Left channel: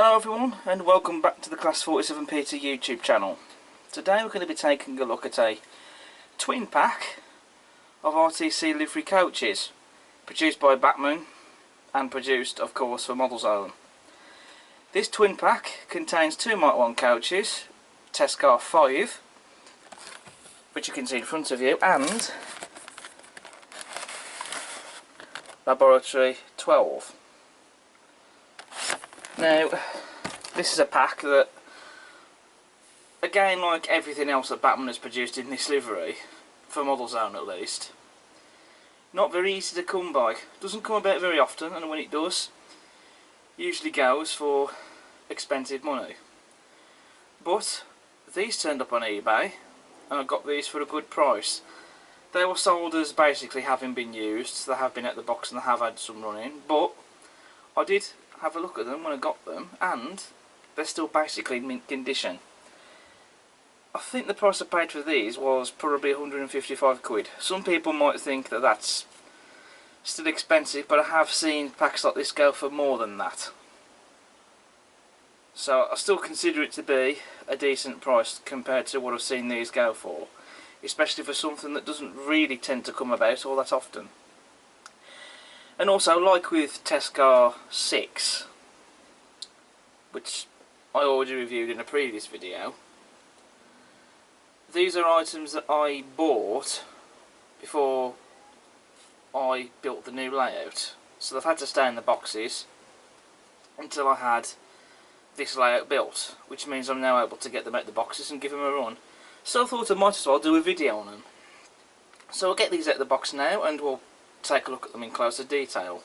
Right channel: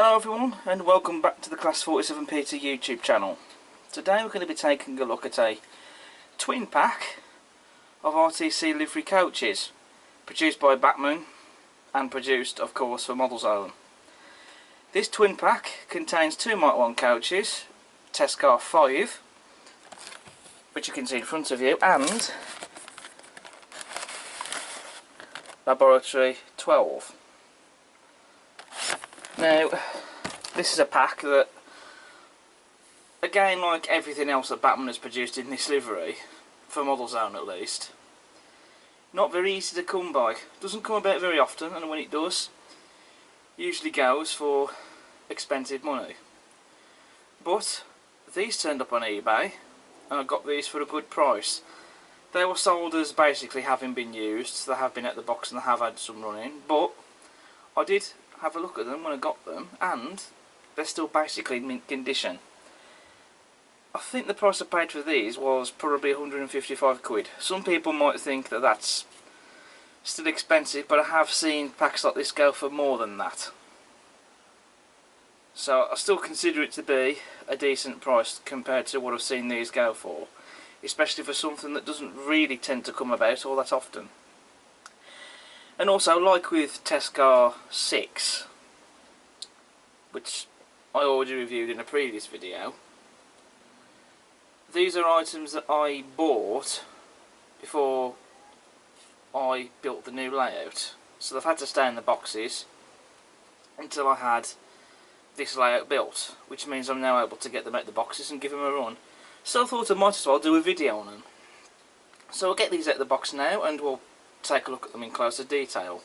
Hello everyone and welcome back to the Class 47 Peter YouTube channel. Today we're going to be taking a look at a twin pack of RTC livery coaches produced by Bachmann and produced of course for Modelzone. This twin pack contains two Mark 1 coaches, Test Car 5, which you can see in front of you, and Laboratory 12. Now, this is a pack that, again, like everything else that Bachmann has produced in this livery, for Modelzone at least, not very easy to come by. Doesn't come about very often, and when it does, usually goes for expensive money. But these turned up on eBay, and I got these for a good price. They were sold as basically having been used. They have been out the box and they have had some running, but I did have a look at them when I got them, and they're still basically in mint condition. I think the price I paid for these was probably 155 quid. Some people might think that that's still expensive, but I have seen packs like this go for more than that. So I still consider it to be a decent price compared to what I've seen these go for, especially for something that doesn't really tend to come about all that often. And also, like with Test Car 6, which I already reviewed in a previous video, these are items that I bought before I built the new layout. So they've had to stay in the boxes until I had this layout built, which means I'm now able to get them out the boxes and give them a run. So I thought I might as well do a video on them. So I'll get these out of the box now and we'll take a look at them in closer detail.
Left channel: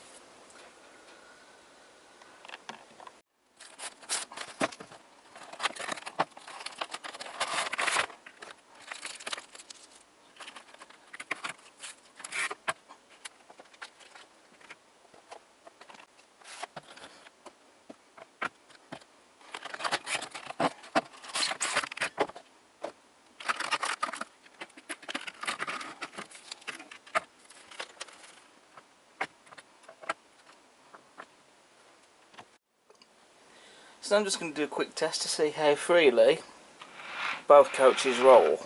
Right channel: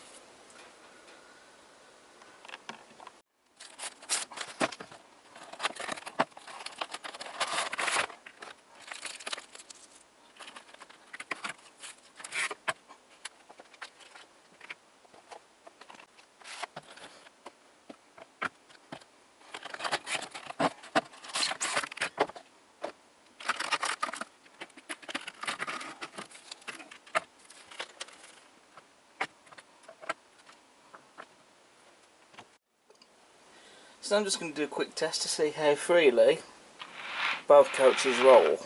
So I'm just going to do a quick test to see how freely both coaches roll.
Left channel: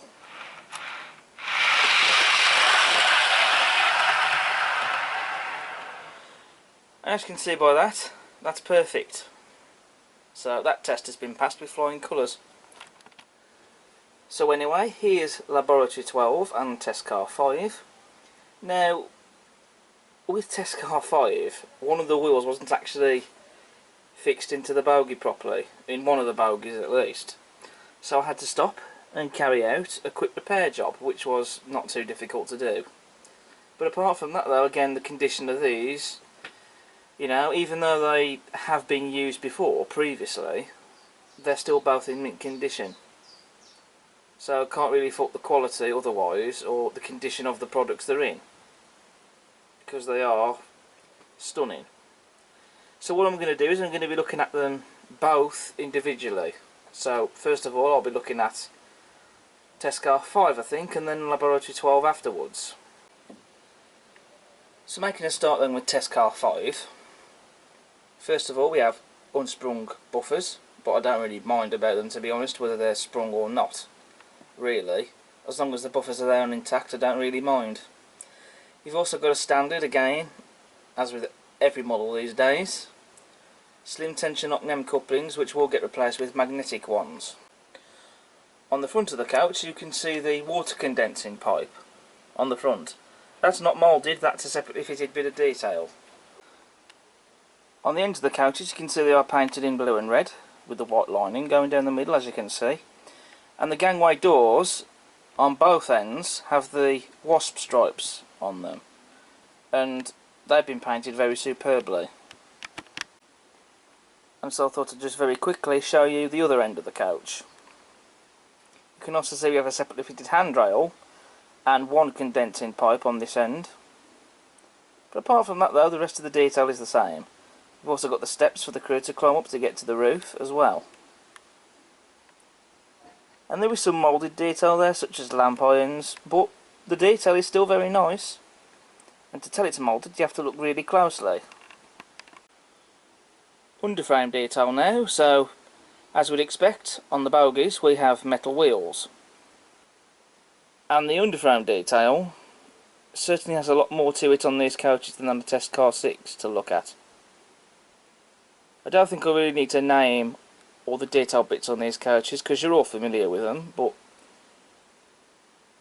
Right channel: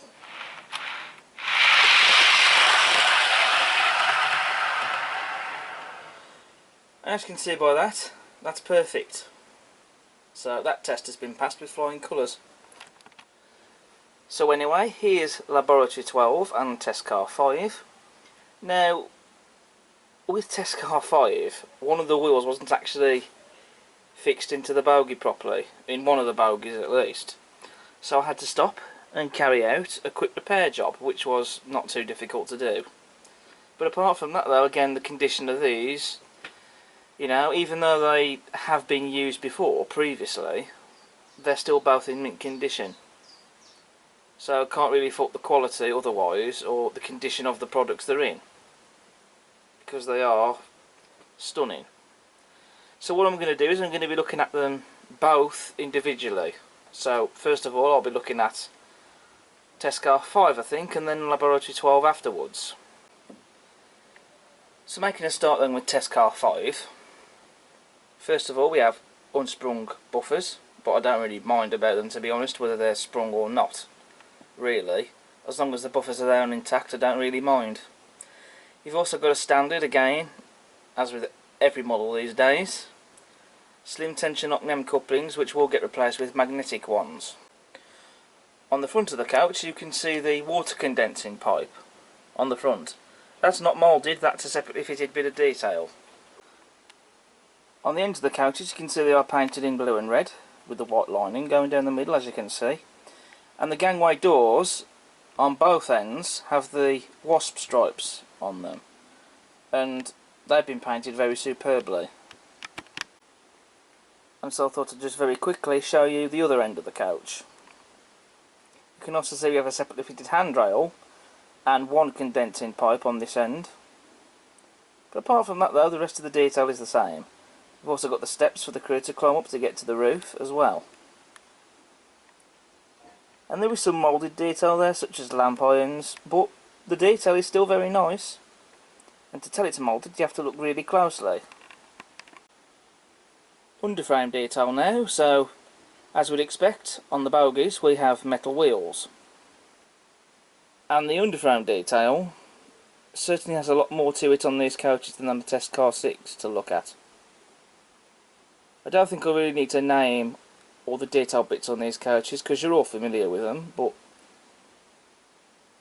As you can see by that, that's perfect. So that test has been passed with flying colours. So anyway, here's Laboratory 12 and Test Car 5. Now, with Test Car 5, one of the wheels wasn't actually fixed into the bogie properly, in one of the bogies at least. So I had to stop and carry out a quick repair job, which was not too difficult to do. But apart from that though, again, the condition of these, you know, even though they have been used before, previously, they're still both in mint condition. So I can't really fault the quality otherwise, or the condition of the products they're in, because they are stunning. So what I'm going to do is I'm going to be looking at them both individually. So first of all I'll be looking at Test Car 5 I think, and then Laboratory 12 afterwards. So making a start then with Test Car 5. First of all we have unsprung buffers, but I don't really mind about them, to be honest, whether they're sprung or not, really. As long as the buffers are there and intact, I don't really mind. You've also got a standard, again, as with every model these days, slim tension OCNEM couplings, which will get replaced with magnetic ones. On the front of the couch you can see the water condensing pipe on the front. That's not moulded, that's a separately fitted bit of detail. On the ends of the couches you can see they are painted in blue and red, with the white lining going down the middle, as you can see. And the gangway doors on both ends have the wasp stripes on them, and they've been painted very superbly. And so I thought I'd just very quickly show you the other end of the couch. You can also see we have a separately fitted handrail and one condensing pipe on this end. But apart from that though, the rest of the detail is the same. We've also got the steps for the crew to climb up to get to the roof as well. And there is some moulded detail there, such as lamp irons, but the detail is still very nice. And to tell it's moulded you have to look really closely. Underframe detail now, so as we'd expect on the bogies we have metal wheels. And the underframe detail certainly has a lot more to it on these coaches than on the Test Car 6 to look at. I don't think I really need to name all the detail bits on these coaches because you're all familiar with them, but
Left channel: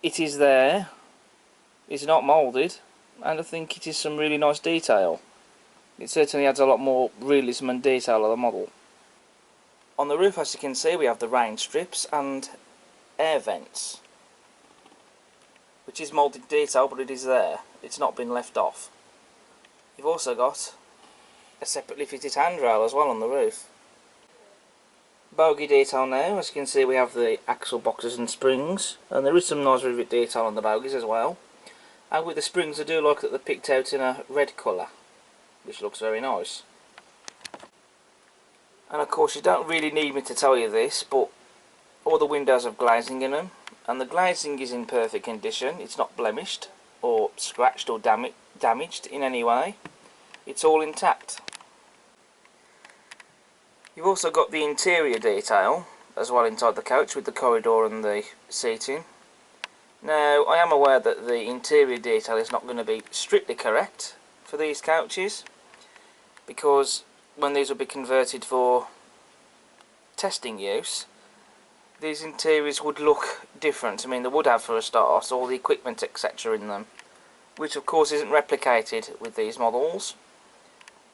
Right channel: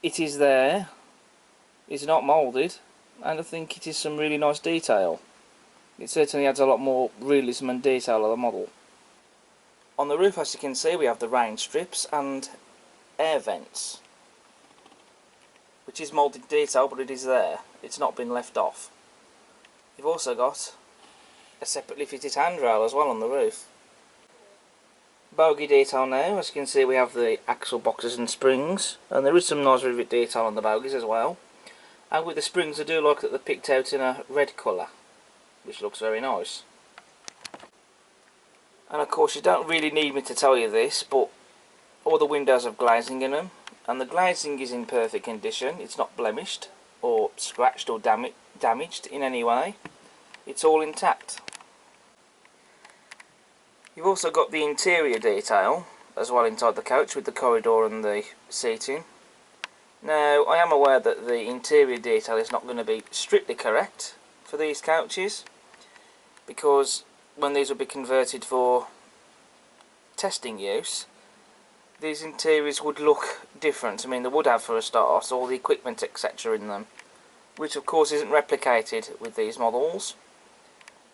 it is there, it's not moulded, and I think it is some really nice detail. It certainly adds a lot more realism and detail of the model. On the roof, as you can see, we have the rain strips and air vents, which is moulded detail, but it is there, it's not been left off. You've also got a separately fitted handrail as well on the roof. Bogie detail now, as you can see we have the axle boxes and springs, and there is some nice rivet detail on the bogies as well. And with the springs I do like that they're picked out in a red colour, which looks very nice. And of course you don't really need me to tell you this, but all the windows have glazing in them, and the glazing is in perfect condition. It's not blemished or scratched or damaged in any way. It's all intact. You've also got the interior detail as well inside the coach with the corridor and the seating. Now I am aware that the interior detail is not going to be strictly correct for these couches, because when these will be converted for testing use, these interiors would look different. I mean, they would have, for a start, all the equipment etc. in them, which of course isn't replicated with these models,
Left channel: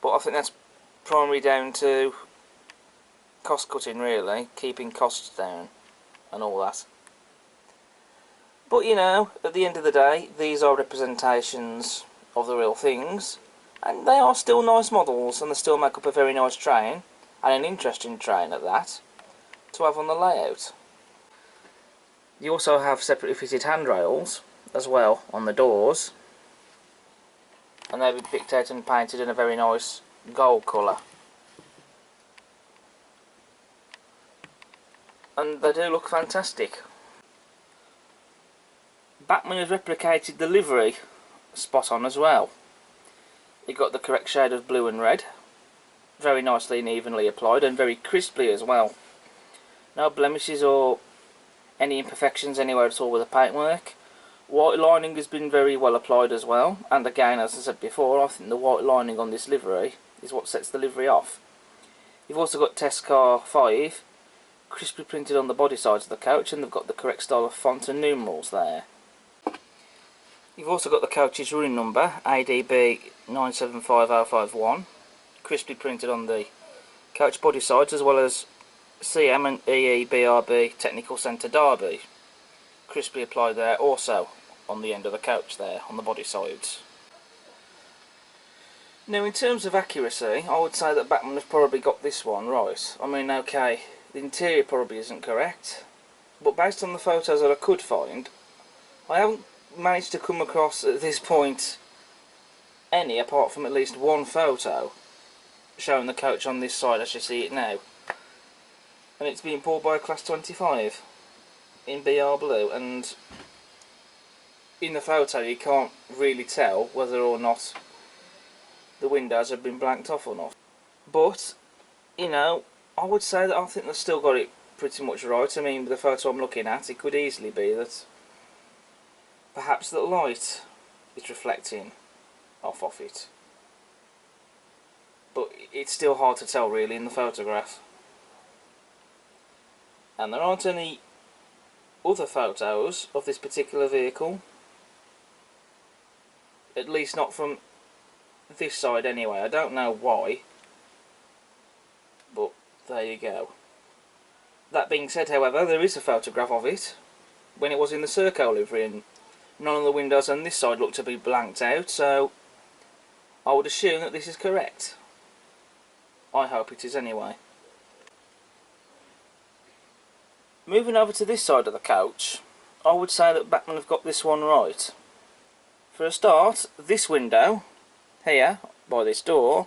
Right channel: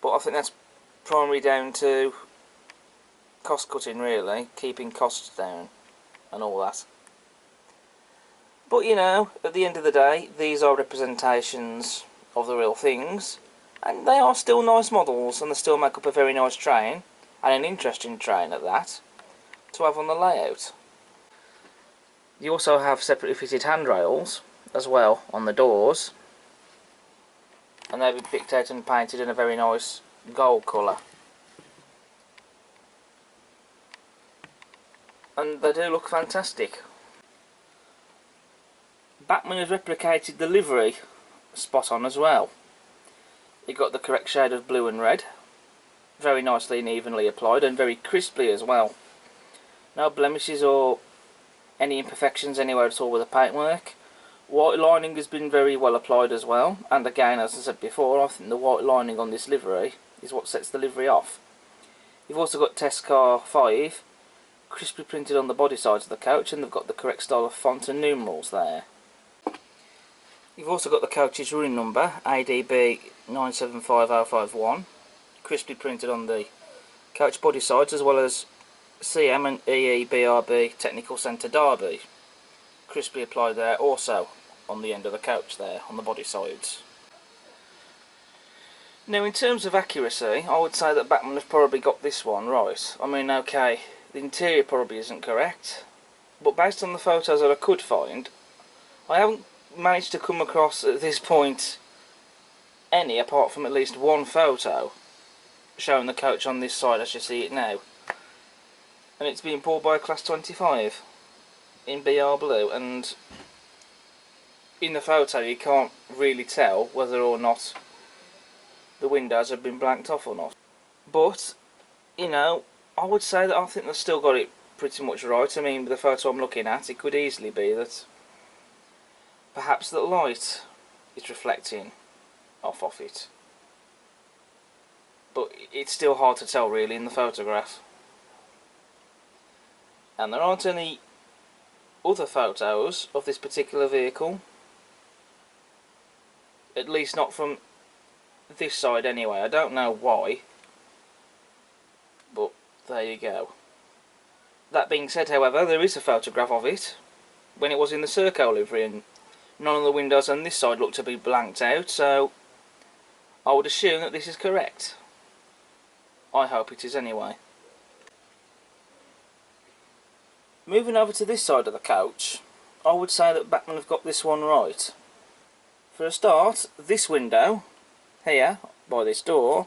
but I think that's primarily down to cost cutting, really, keeping costs down and all that. But you know, at the end of the day, these are representations of the real things, and they are still nice models, and they still make up a very nice train, and an interesting train at that, to have on the layout. You also have separately fitted handrails as well on the doors, and they've been picked out and painted in a very nice gold colour. And they do look fantastic. Bachmann has replicated the livery spot on as well. You've got the correct shade of blue and red, very nicely and evenly applied, and very crisply as well. No blemishes or any imperfections anywhere at all with the paintwork. White lining has been very well applied as well, and again, as I said before, I think the white lining on this livery is what sets the livery off. You've also got Test Car 5 crisply printed on the body sides of the coach, and they've got the correct style of font and numerals there. You've also got the coach's running number, ADB 975051, crisply printed on the coach body sides, as well as CM and EEBRB Technical Centre Derby, crisply applied there also on the end of the coach there, on the body sides. Now in terms of accuracy, I would say that Bachmann has probably got this one right. I mean, okay, the interior probably isn't correct, but based on the photos that I could find, I haven't managed to come across at this point any, apart from at least one photo showing the coach on this side as you see it now. And it's being pulled by a Class 25 in BR blue, and in the photo you can't really tell whether or not the windows have been blanked off or not. But, you know, I would say that I think they've still got it pretty much right. I mean, with the photo I'm looking at, it could easily be that perhaps the light is reflecting off it. But it's still hard to tell really in the photograph. And there aren't any other photos of this particular vehicle, at least not from this side anyway. I don't know why, but there you go. That being said, however, there is a photograph of it when it was in the Serco livery, and none of the windows on this side look to be blanked out, so I would assume that this is correct. I hope it is anyway. Moving over to this side of the coach, I would say that Bachmann have got this one right. For a start, this window here by this door,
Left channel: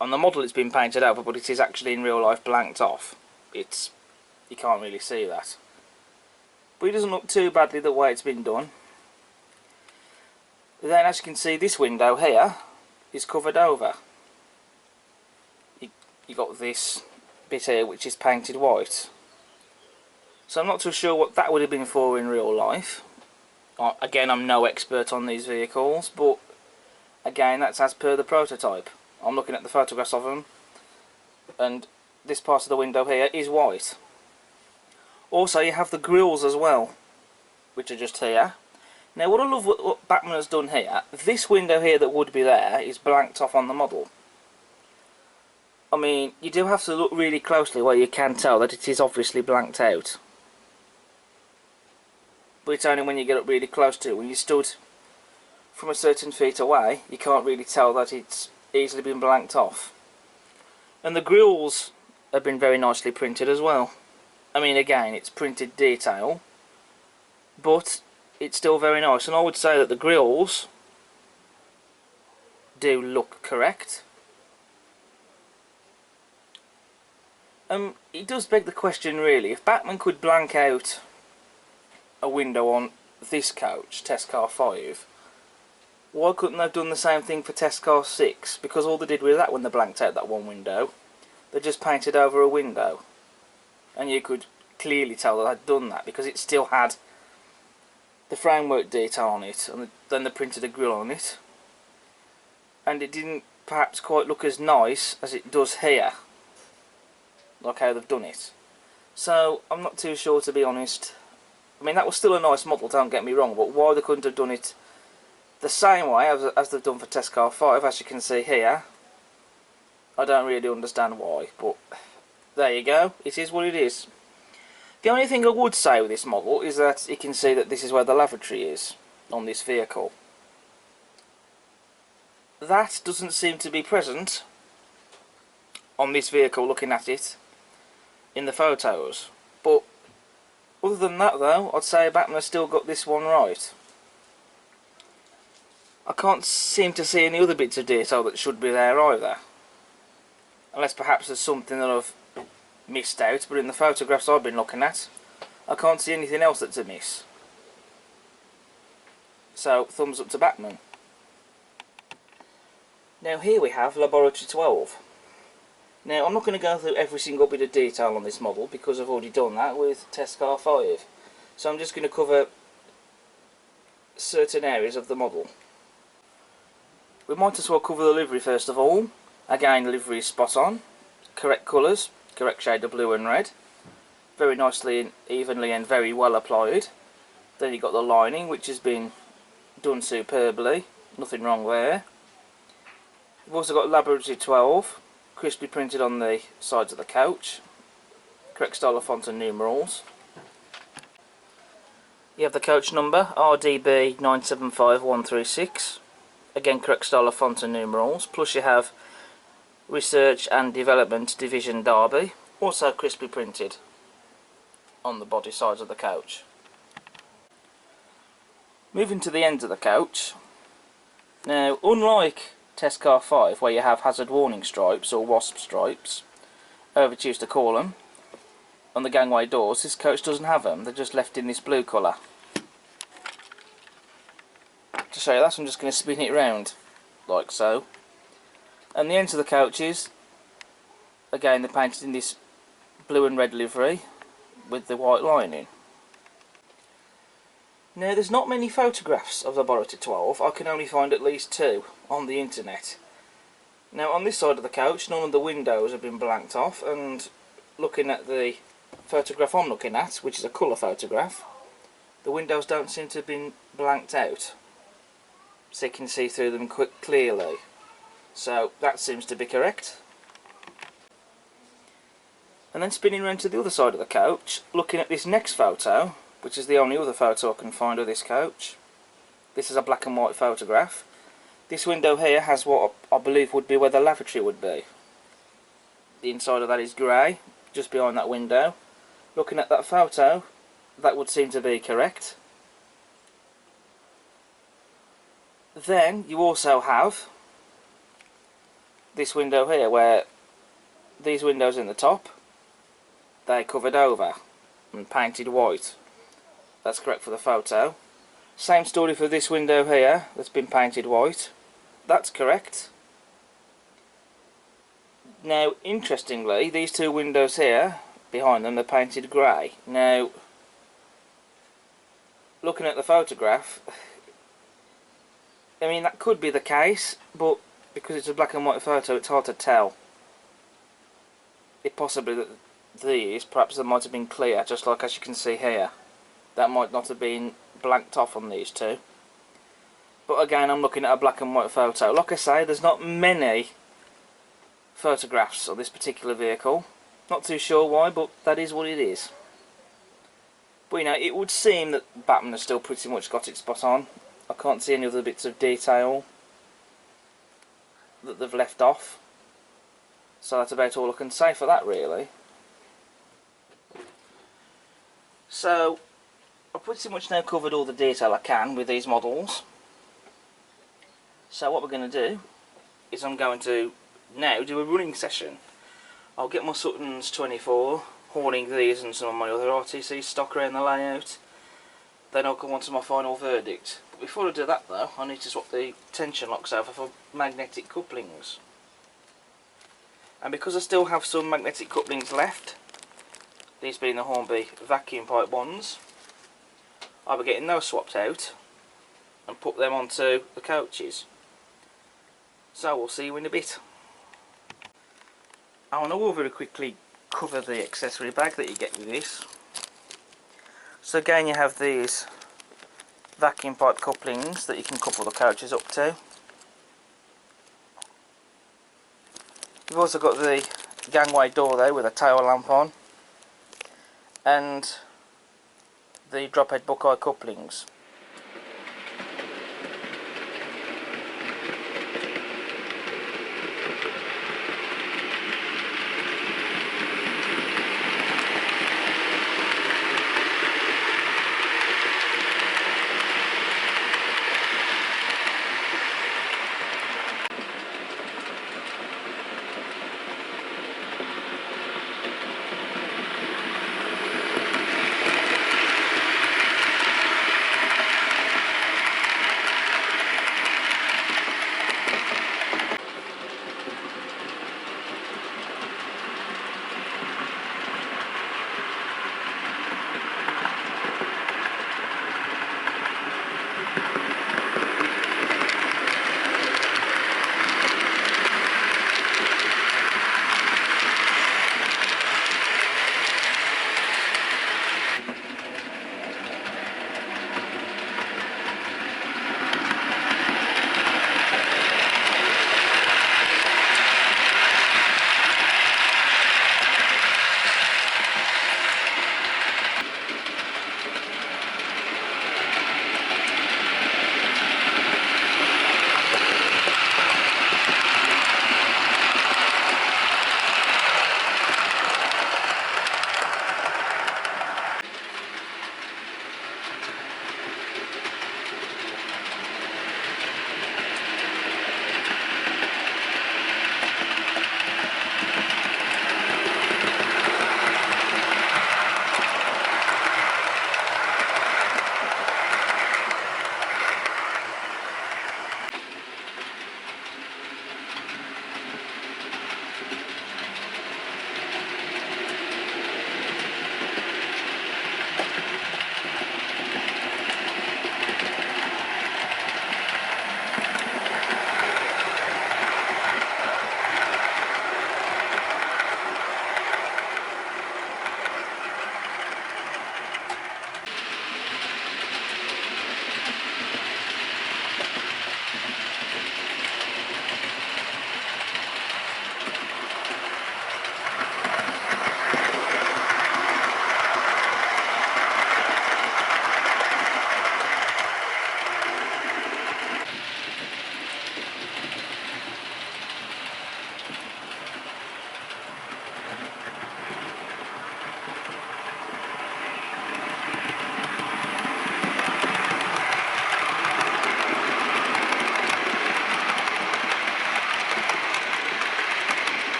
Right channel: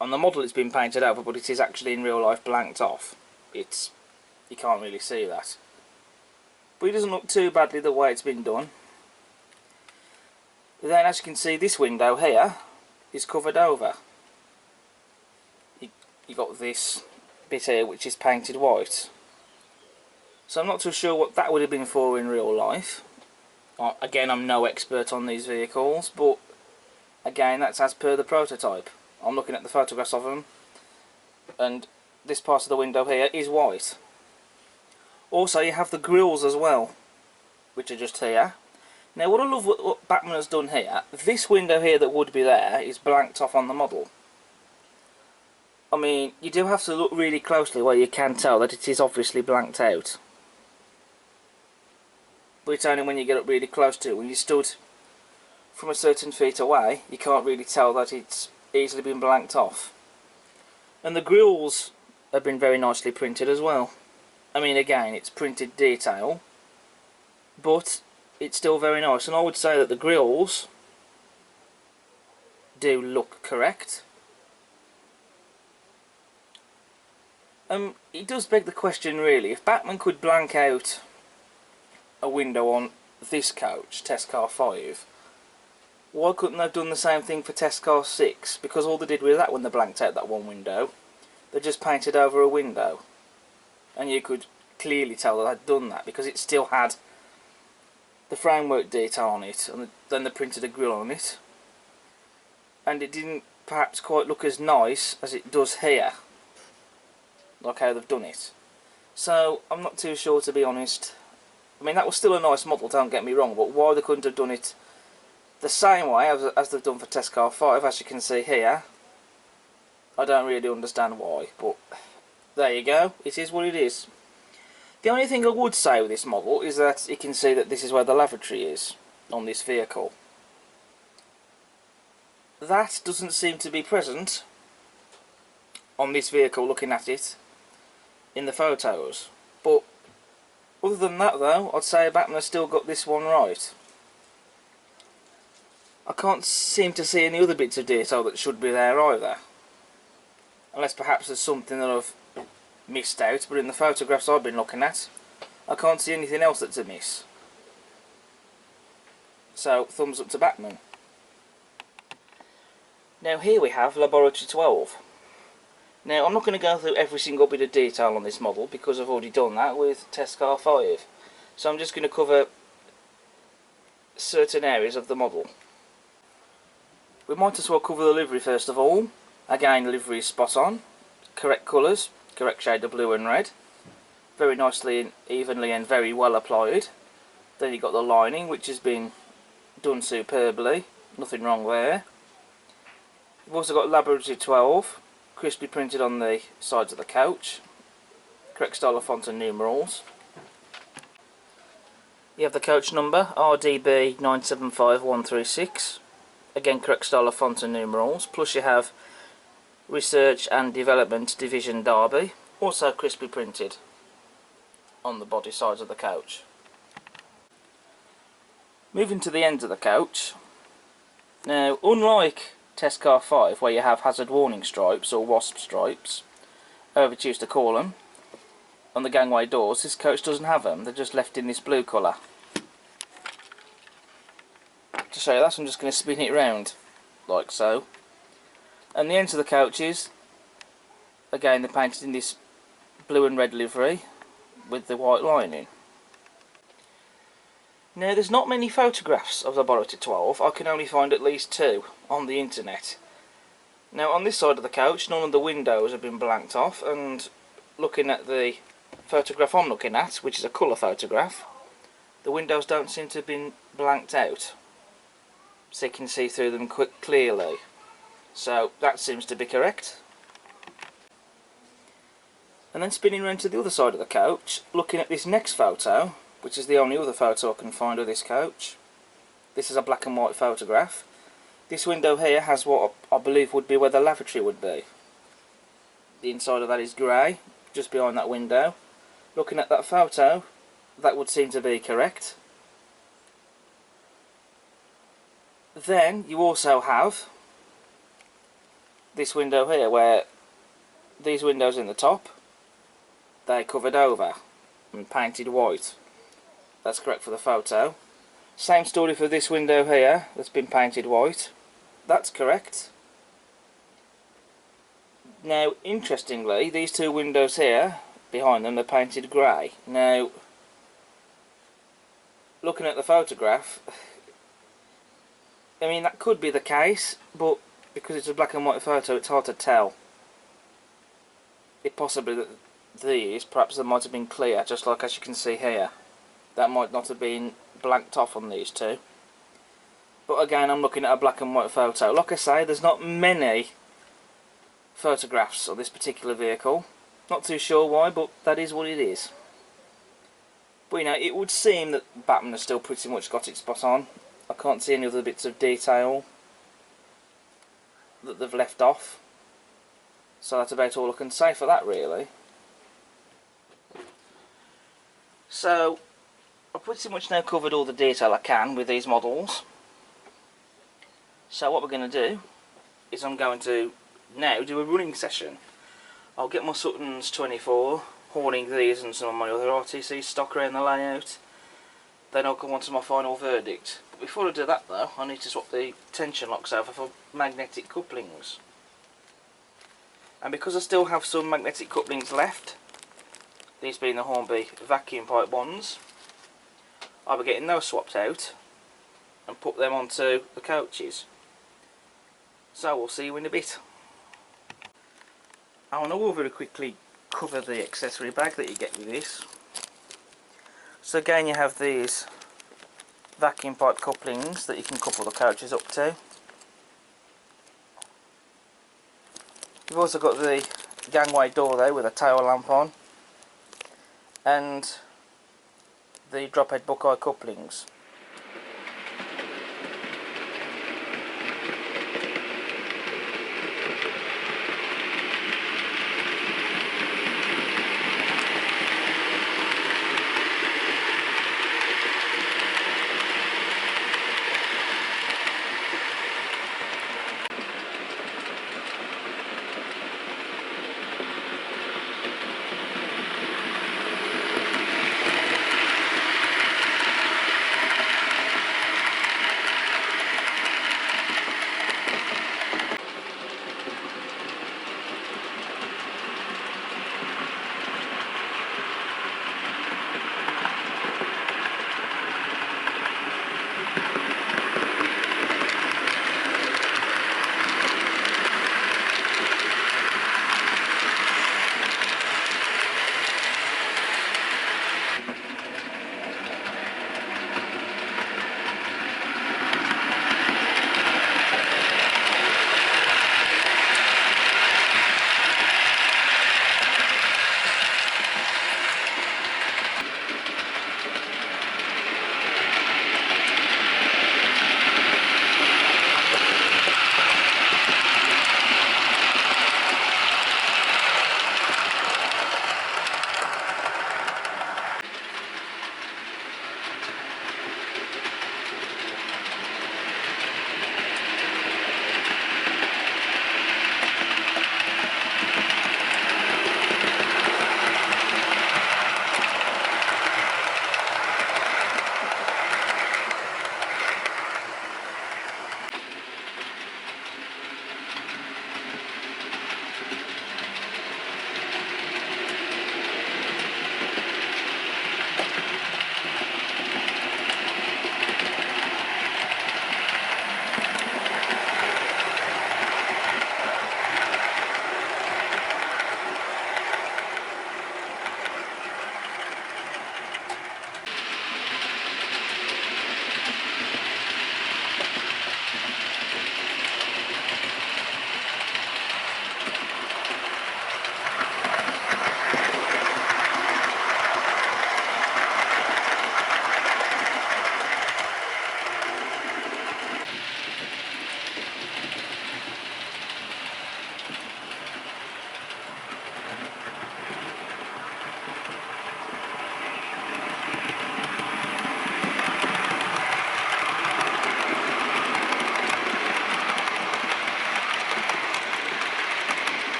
on the model it's been painted over, but it is actually in real life blanked off. You can't really see that, but it doesn't look too badly the way it's been done. Then, as you can see, this window here is covered over, you got this bit here which is painted white. So I'm not too sure what that would have been for in real life. Again, I'm no expert on these vehicles, but again, that's as per the prototype. I'm looking at the photographs of them, and this part of the window here is white. Also, you have the grills as well, which are just here. Now, what I love what Bachmann has done here, this window here that would be there is blanked off on the model. I mean, you do have to look really closely where you can tell that it is obviously blanked out. But it's only when you get up really close to it. When you stood from a certain feet away, you can't really tell that it's easily been blanked off. And the grills have been very nicely printed as well. I mean, again, it's printed detail, but it's still very nice. And I would say that the grills do look correct. It does beg the question, really, if Bachmann could blank out a window on this coach, Test Car 5, why couldn't they have done the same thing for Test Car 6? Because all they did with that when they blanked out that one window, they just painted over a window. And you could clearly tell that they'd done that, because it still had the framework detail on it, and then they printed a grille on it. And it didn't perhaps quite look as nice as it does here, like how they've done it. So, I'm not too sure, to be honest. I mean, that was still a nice model, don't get me wrong, but why they couldn't have done it the same way as they've done for Test Car 5, as you can see here, I don't really understand why, but there you go, it is what it is. The only thing I would say with this model is that you can see that this is where the lavatory is on this vehicle. That doesn't seem to be present on this vehicle, looking at it in the photos, but other than that though, I'd say Bachmann has still got this one right. I can't seem to see any other bits of detail that should be there either. Unless perhaps there's something that I've missed out, but in the photographs I've been looking at, I can't see anything else that's amiss. So, thumbs up to Bachmann. Now here we have Laboratory 12. Now, I'm not going to go through every single bit of detail on this model because I've already done that with Test Car 5. So I'm just going to cover certain areas of the model. We might as well cover the livery first of all. Again, the livery is spot on. Correct colours, correct shade of blue and red. Very nicely and evenly and very well applied. Then you've got the lining, which has been done superbly. Nothing wrong there. You've also got Laboratory 12. Crisply printed on the sides of the couch. Correct style of font and numerals. You have the coach number, RDB 975136. Again, correct style of font and numerals. Plus you have Research and Development Division Derby. Also crisply printed on the body sides of the couch. Moving to the ends of the couch. Now, unlike Test Car 5, where you have hazard warning stripes, or wasp stripes, however you choose to call them, on the gangway doors, this coach doesn't have them, they're just left in this blue colour. To show you that, I'm just going to spin it round, like so. And the ends of the couches, again they're painted in this blue and red livery, with the white lining. Now, there's not many photographs of Laboratory 12, I can only find at least 2 on the internet. Now, on this side of the couch, none of the windows have been blanked off, and looking at the photograph I'm looking at, which is a colour photograph, the windows don't seem to have been blanked out, so you can see through them clearly. So, that seems to be correct. And then spinning round to the other side of the couch, looking at this next photo, which is the only other photo I can find of this coach. This is a black and white photograph. This window here has what I believe would be where the lavatory would be. The inside of that is grey, just behind that window. Looking at that photo, that would seem to be correct. Then you also have this window here, where these windows in the top, they're covered over and painted white. That's correct for the photo. Same story for this window here, that's been painted white. That's correct. Now, interestingly, these two windows here, behind them, they're painted grey. Now, looking at the photograph, I mean, that could be the case, but because it's a black and white photo, it's hard to tell. It possibly that these, perhaps they might have been clear, just like as you can see here. That might not have been blanked off on these two. But again, I'm looking at a black and white photo. Like I say, there's not many photographs of this particular vehicle. Not too sure why, but that is what it is. But you know, it would seem that Bachmann has still pretty much got it spot on. I can't see any other bits of detail that they've left off. So that's about all I can say for that, really. So, I've pretty much now covered all the detail I can with these models. So what we're going to do is I'm going to now do a running session. I'll get my Sutton's 24, horning these and some of my other RTC stock around the layout. Then I'll go on to my final verdict. But before I do that though, I need to swap the tension locks over for magnetic couplings. And because I still have some magnetic couplings left, these being the Hornby vacuum pipe ones, I'll be getting those swapped out and put them onto the coaches. So we'll see you in a bit. I want to very quickly cover the accessory bag that you get with this. So again, you have these vacuum pipe couplings that you can couple the coaches up to. You've also got the gangway door there with a tail lamp on, and the drop head buckeye couplings.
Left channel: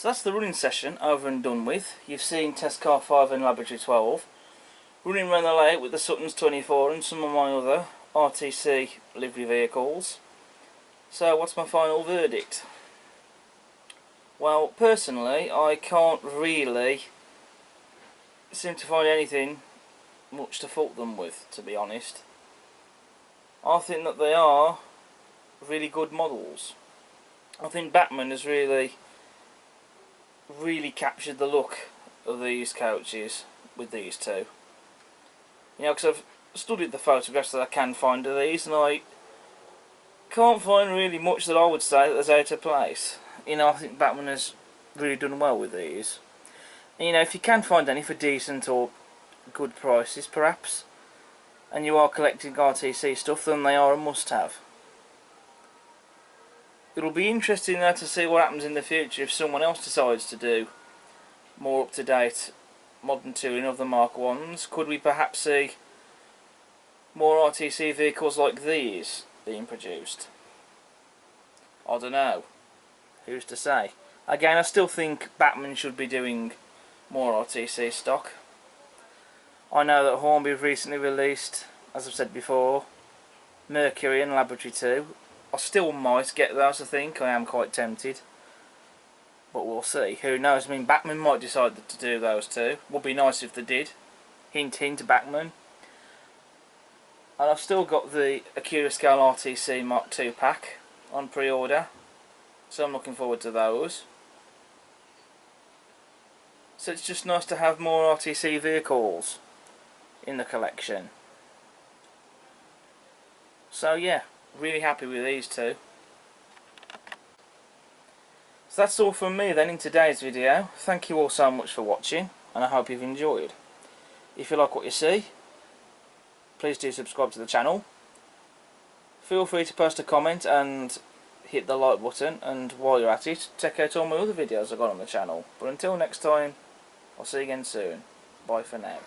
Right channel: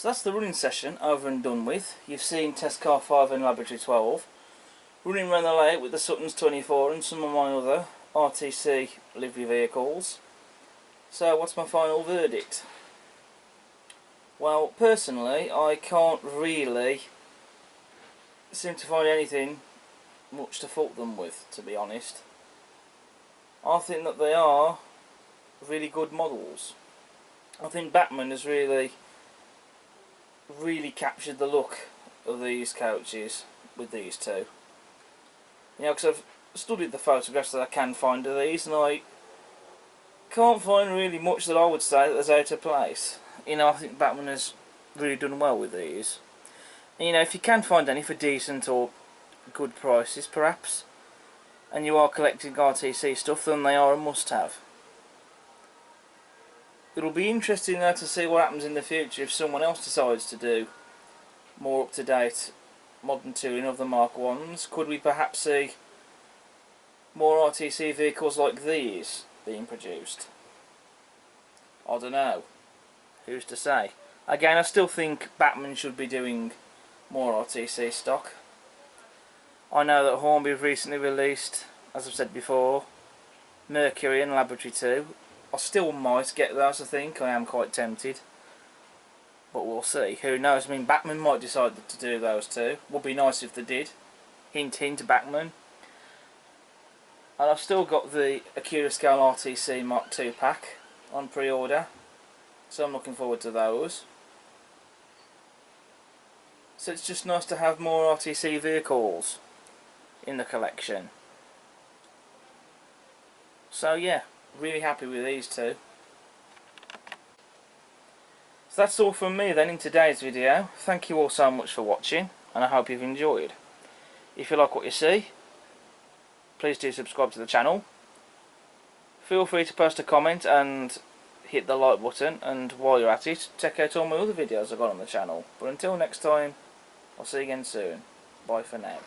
So that's the running session over and done with. You've seen Test Car 5 and Laboratory 12. Running around the layout with the Suttons 24 and some of my other RTC livery vehicles. So what's my final verdict? Well, personally, I can't really seem to find anything much to fault them with, to be honest. I think that they are really good models. I think Bachmann has really captured the look of these coaches with these two. You know, because I've studied the photographs that I can find of these, and I can't find really much that I would say that's out of place. You know, I think Bachmann has really done well with these. And, you know, if you can find any for decent or good prices, perhaps, and you are collecting RTC stuff, then they are a must-have. It'll be interesting though to see what happens in the future if someone else decides to do more up-to-date modern touring of the Mark 1s. Could we perhaps see more RTC vehicles like these being produced? I don't know. Who's to say? Again, I still think Bachmann should be doing more RTC stock. I know that Hornby have recently released, as I've said before, Mercury and Laboratory 2. I still might get those, I think. I am quite tempted. But we'll see. Who knows? I mean, Bachmann might decide to do those too. Would be nice if they did. Hint, hint, Bachmann. And I've still got the Acura Scale RTC Mark II pack on pre-order. So I'm looking forward to those. So it's just nice to have more RTC vehicles in the collection. So yeah, really happy with these two. So that's all from me then in today's video. Thank you all so much for watching, and I hope you've enjoyed. If you like what you see, please do subscribe to the channel. Feel free to post a comment and hit the like button, and while you're at it, check out all my other videos I've got on the channel. But until next time, I'll see you again soon. Bye for now.